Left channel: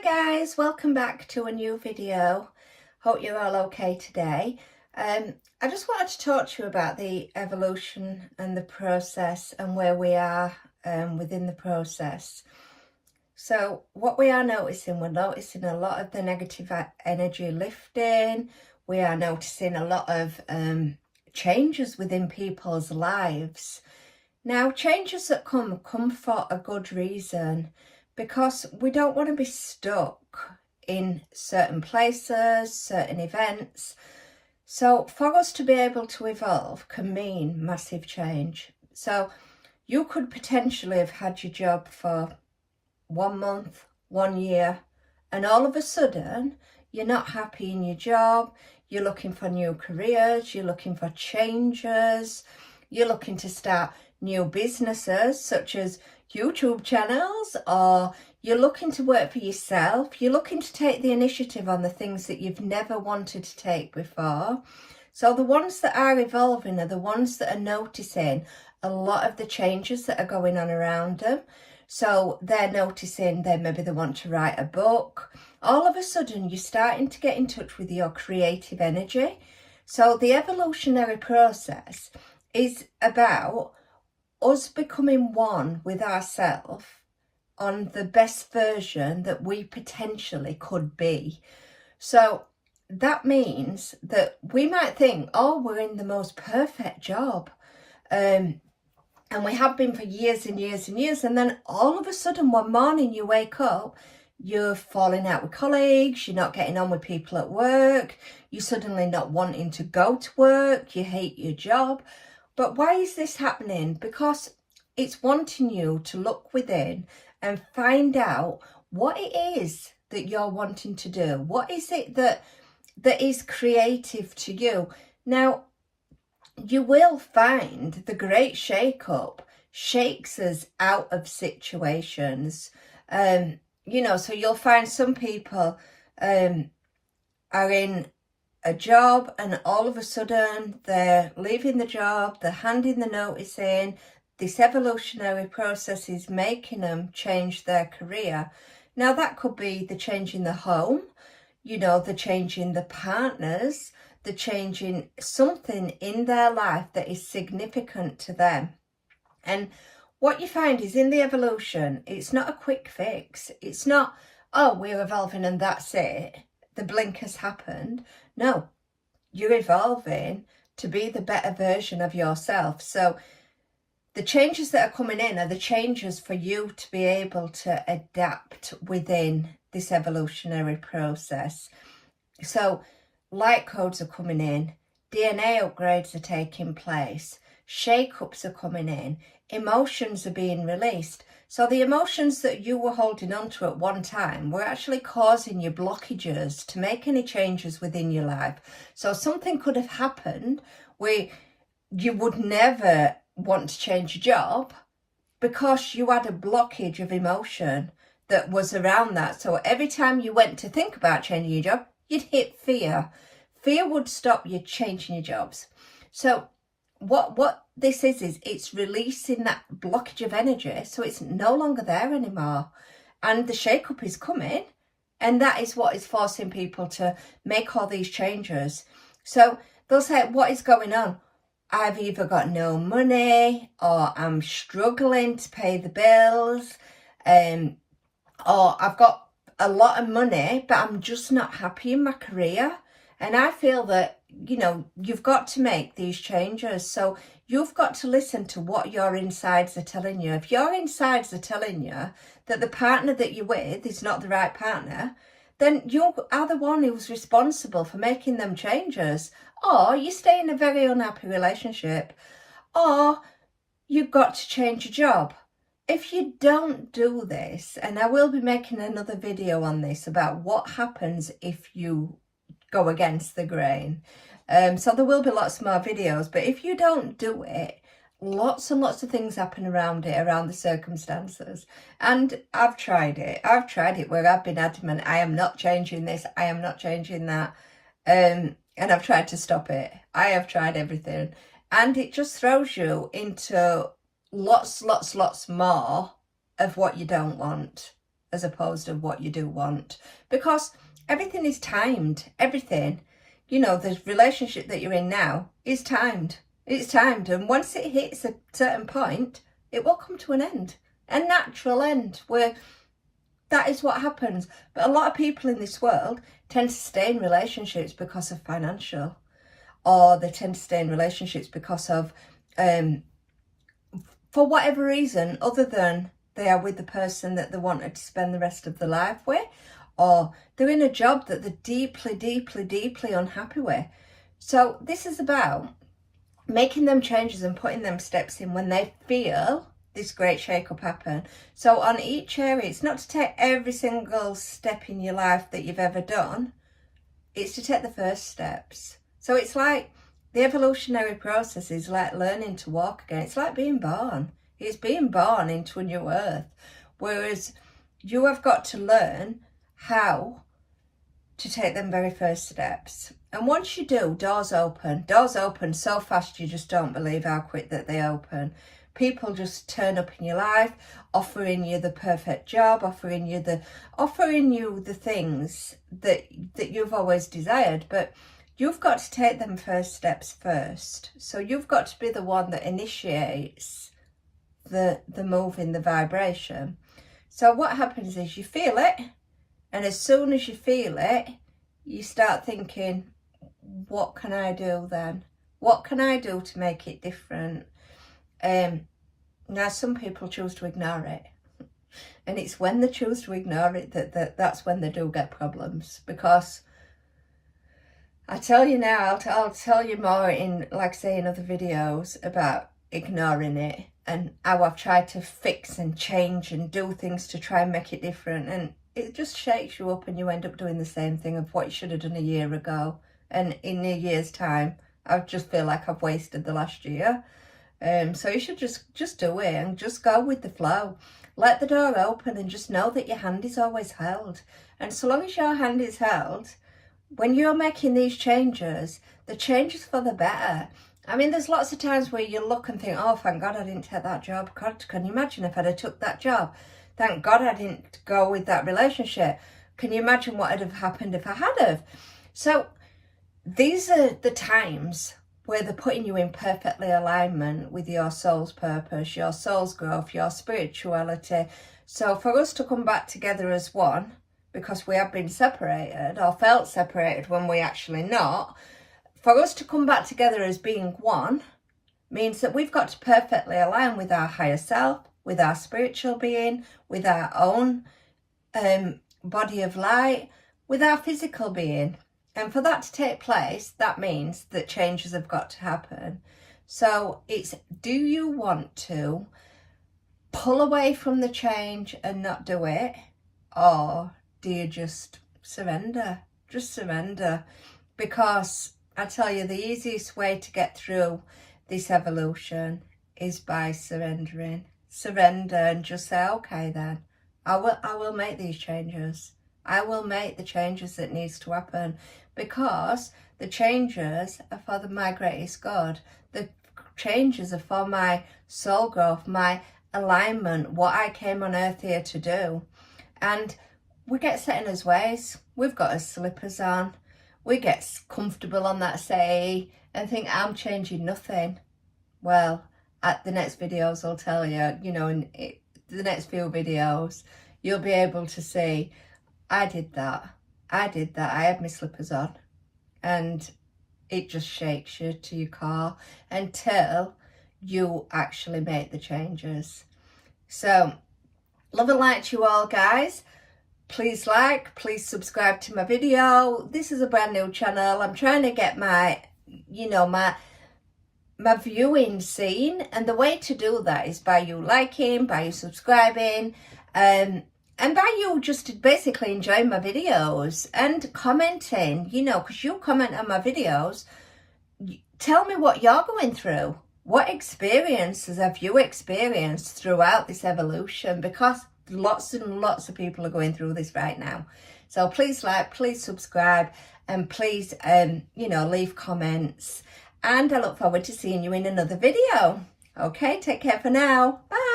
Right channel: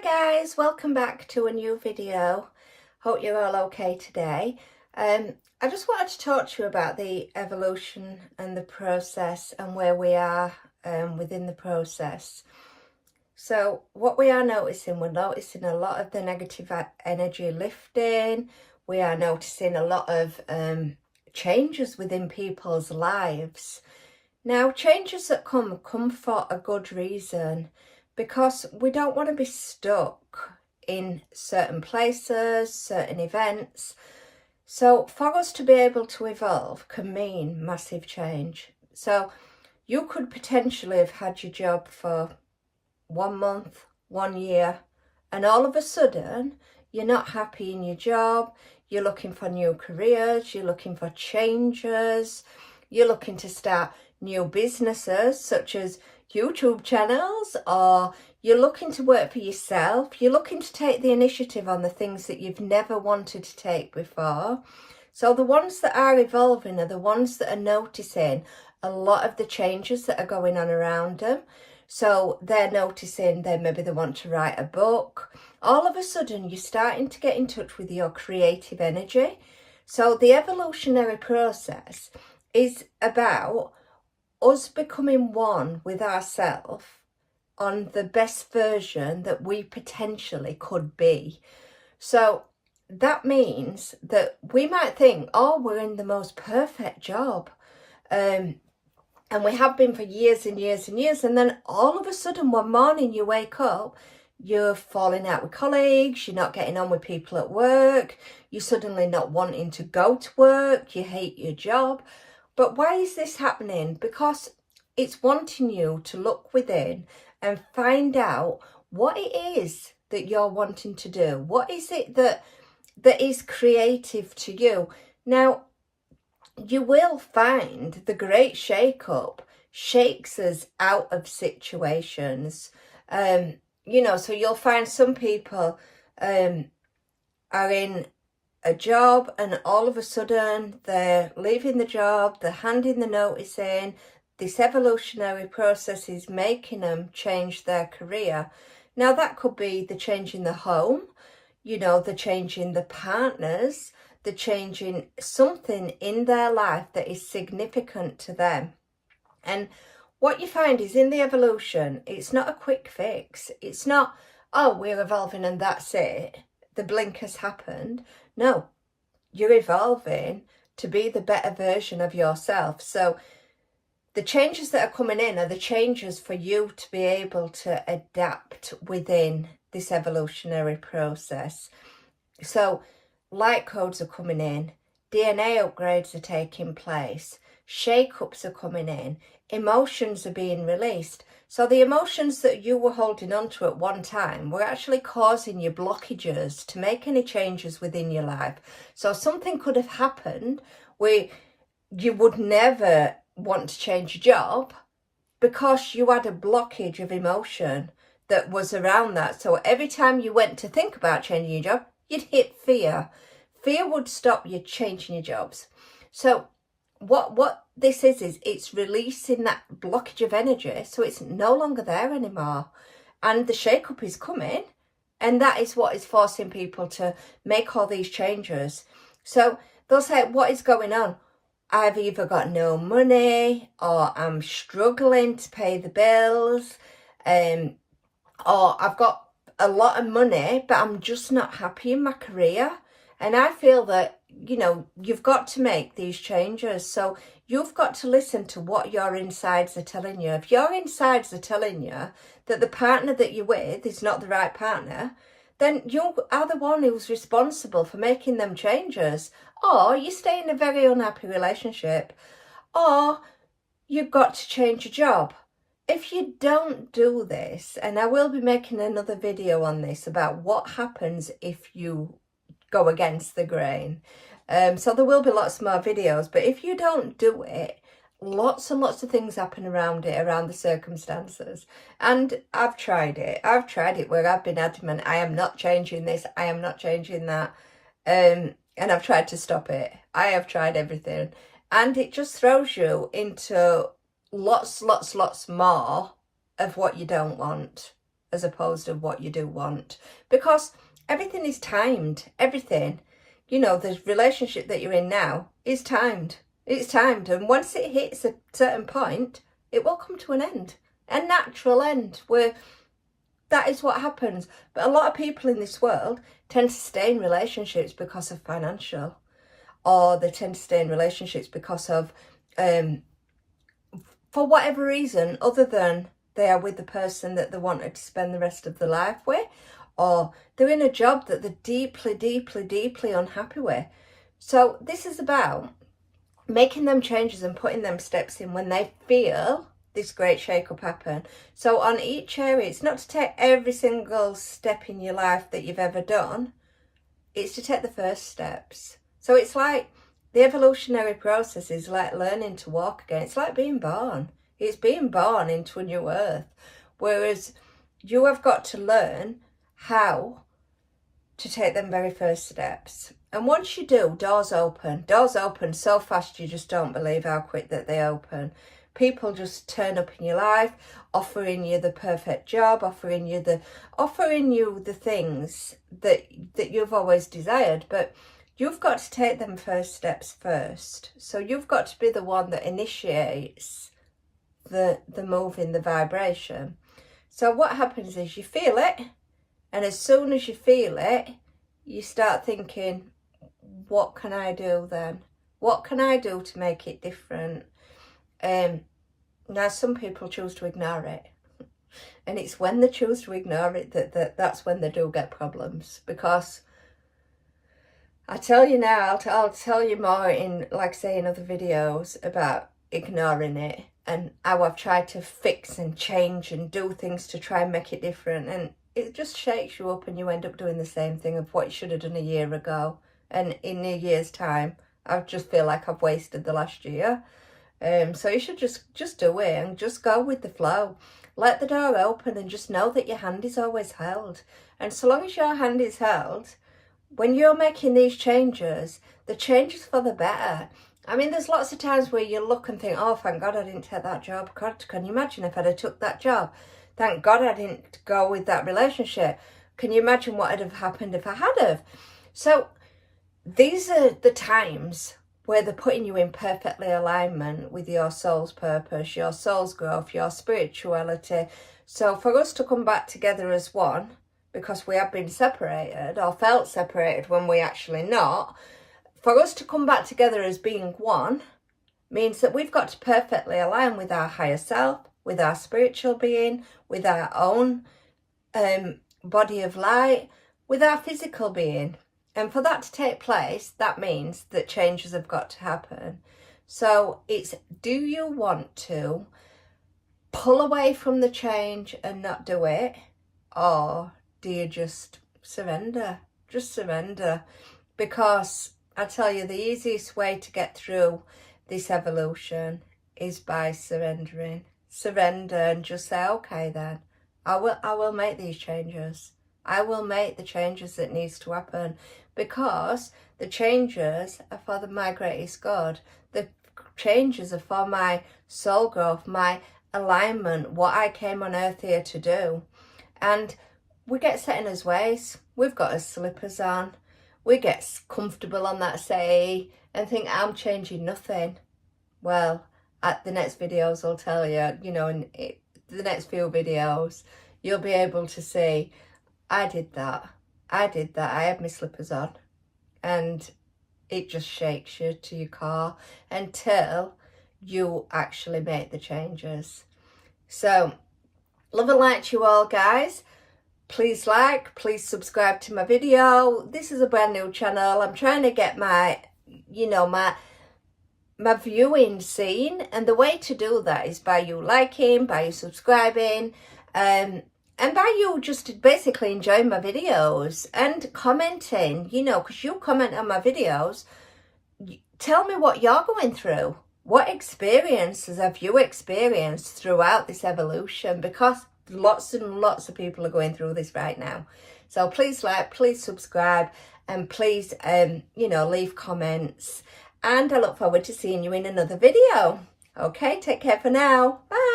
Hi guys, welcome back to a new video. Hope you're all okay today. I just wanted to talk to you about the evolution and the process and where we are within the process. So what we are noticing, we're noticing a lot of the negative energy lifting. We are noticing a lot of changes within people's lives. Now, changes that come for a good reason, because we don't want to be stuck in certain places, certain events. So for us to be able to evolve can mean massive change. So you could potentially have had your job for 1 month, 1 year, and all of a sudden you're not happy in your job, you're looking for new careers, you're looking for changes, you're looking to start new businesses such as YouTube channels, or you're looking to work for yourself, you're looking to take the initiative on the things that you've never wanted to take before. So the ones that are evolving are the ones that are noticing a lot of the changes that are going on around them. So they're noticing that maybe they want to write a book. All of a sudden you're starting to get in touch with your creative energy. So the evolutionary process is about us becoming one with ourselves on the best version that we potentially could be. So that means that we might think, oh, we're in the most perfect job. And we have been for years and years and years. And then all of a sudden, one morning you wake up, you're falling out with colleagues, you're not getting on with people at work, you're suddenly not wanting to go to work, you hate your job. But why is this happening? Because it's wanting you to look within and find out what it is that you're wanting to do. What is it that is creative to you? Now, you will find the great shake-up shakes us out of situations. So you'll find some people are in a job and all of a sudden they're leaving the job, they're handing the notice in. This evolutionary process is making them change their career. Now that could be the change in the home, the change in the partners, the change in something in their life that is significant to them. And what you find is in the evolution, it's not a quick fix. It's not, oh, we're evolving and that's it. The blink has happened. No, you're evolving to be the better version of yourself. So the changes that are coming in are the changes for you to be able to adapt within this evolutionary process. So light codes are coming in, DNA upgrades are taking place, shake-ups are coming in, emotions are being released. So the emotions that you were holding on to at one time were actually causing you blockages to make any changes within your life. So something could have happened where you would never want to change your job because you had a blockage of emotion that was around that. So every time you went to think about changing your job, you'd hit fear. Fear would stop you changing your jobs. So what this is it's releasing that blockage of energy, so it's no longer there anymore, and the shake-up is coming, and that is what is forcing people to make all these changes. So they'll say, what is going on? I've either got no money, or I'm struggling to pay the bills, or I've got a lot of money but I'm just not happy in my career. And I feel that you've got to make these changes. So you've got to listen to what your insides are telling you. If your insides are telling you that the partner that you're with is not the right partner, then you are the one who's responsible for making them changes. Or you stay in a very unhappy relationship, or you've got to change your job. If you don't do this, and I will be making another video on this about what happens if you go against the grain. So there will be lots more videos, but if you don't do it, lots and lots of things happen around it, around the circumstances. And I've tried it where I've been adamant, I am not changing this, I am not changing that. And I've tried to stop it. I have tried everything. And it just throws you into lots more of what you don't want. as opposed to what you do want, because everything is timed. Everything, you know, the relationship that you're in now is timed. It's timed, and once it hits a certain point, it will come to an end, a natural end, where that is what happens. But a lot of people in this world tend to stay in relationships because of financial, or they tend to stay in relationships because of, for whatever reason, other than they are with the person that they wanted to spend the rest of their life with, or they're in a job that they're deeply, deeply, deeply unhappy with. So this is about making them changes and putting them steps in when they feel this great shake-up happen. So on each area, it's not to take every single step in your life that you've ever done, it's to take the first steps. So it's like the evolutionary process is like learning to walk again. It's like being born. It's being born into a new earth. Whereas you have got to learn how to take them very first steps. And once you do, doors open so fast you just don't believe how quick that they open. People just turn up in your life, offering you the perfect job, offering you the things that you've always desired, but you've got to take them first steps first. So you've got to be the one that initiates the move in the vibration. So what happens is you feel it, and as soon as you feel it, you start thinking, what can I do then? What can I do to make it different? Now some people choose to ignore it, and it's when they choose to ignore it that's when they do get problems. Because I tell you now, I'll tell you more in, like I say, in other videos about ignoring it and how I've tried to fix and change and do things to try and make it different, and it just shakes you up and you end up doing the same thing of what you should have done a year ago. And in a year's time, I just feel like I've wasted the last year. So you should just do it and just go with the flow. Let the door open and just know that your hand is always held. And so long as your hand is held, when you're making these changes, the changes for the better. I mean, there's lots of times where you look and think, oh, thank God I didn't take that job. God, can you imagine if I'd have took that job? Thank God I didn't go with that relationship. Can you imagine what would have happened if I had have? So these are the times where they're putting you in perfectly alignment with your soul's purpose, your soul's growth, your spirituality. So for us to come back together as one, because we have been separated or felt separated when we actually not, for us to come back together as being one means that we've got to perfectly align with our higher self, with our spiritual being, with our own body of light, with our physical being. And for that to take place, that means that changes have got to happen. So it's, do you want to pull away from the change and not do it? Or do you just surrender? Just surrender. Because I tell you, the easiest way to get through this evolution is by surrendering. Surrender and just say, okay then, I will make these changes. I will make the changes that needs to happen, because the changes are for my greatest good. The changes are for my soul growth, my alignment, what I came on earth here to do. And we get set in his ways. We've got our slippers on. We get comfortable on that settee and think, I'm changing nothing. Well, at the next videos I'll tell you, you know, in the next few videos, you'll be able to see, I did that. I had my slippers on, and it just shakes you to your core until you actually make the changes. So, love and light to you all, guys. Please like, please subscribe to my video. This is a brand new channel. I'm trying to get my, you know, my viewing seen, and the way to do that is by you liking, by you subscribing, and by you just basically enjoying my videos and commenting, you know, because you comment on my videos. Tell me what you're going through. What experiences have you experienced throughout this evolution? Because lots and lots of people are going through this right now. So please like, please subscribe, and please, you know, leave comments. And I look forward to seeing you in another video. Okay, take care for now. Bye.